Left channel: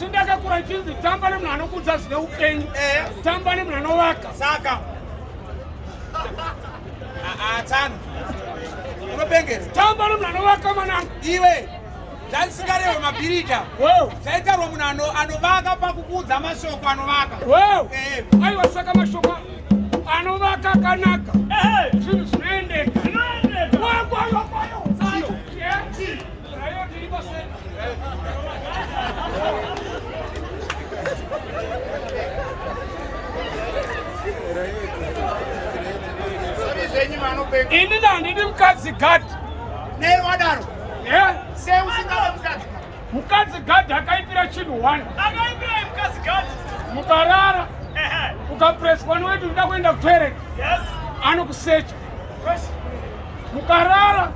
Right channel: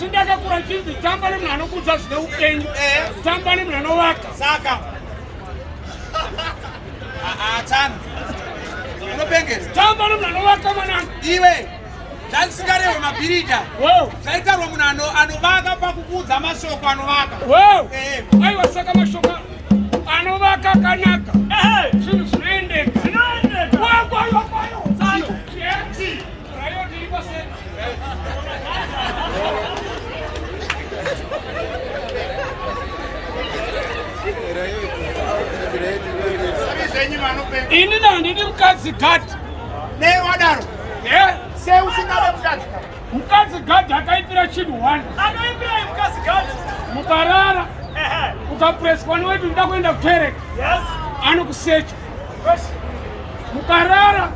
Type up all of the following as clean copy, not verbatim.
Sindaka kurachizi tamba nemwana kudza zvine upenyu tamba nemwana waka saka tsana unopengera tamba nemwana waka mananga iwe zvandisingarewe mabhirita zvaitarwa munhu anovaka pakukuudza mashoko anovaka aiwa saka mashoko anovaka akanaka zvinhu zvinoendeka ini nandidi mukadzi gadhi newadaro seusingave mukadzi gadhi akaipira chinhu 1 mukarara ukapureswa niweti uda kuenda kutoereka anokusecha mukarara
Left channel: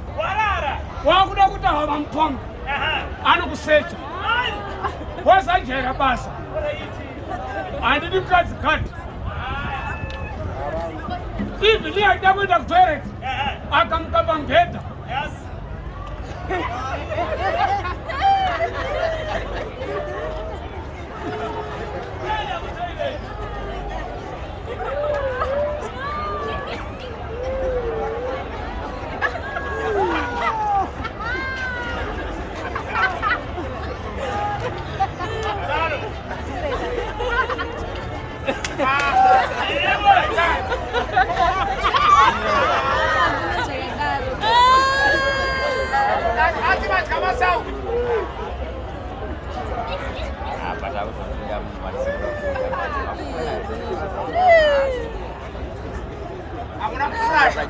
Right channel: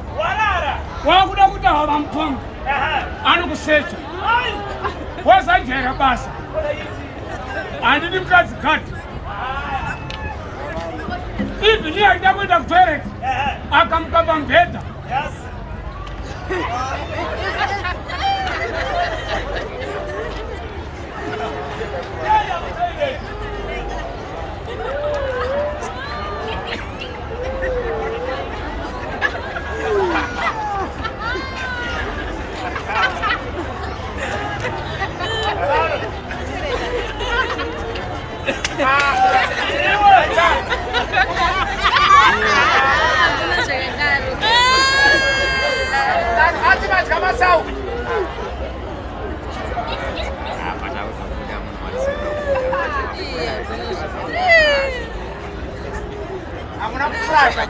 wakuda kuita hava mutombo anokusecha wasajaira basa handidi mukadzi gadhi even aida kuenda kutoereka akamuka pamubhedha Hamuna kufasha.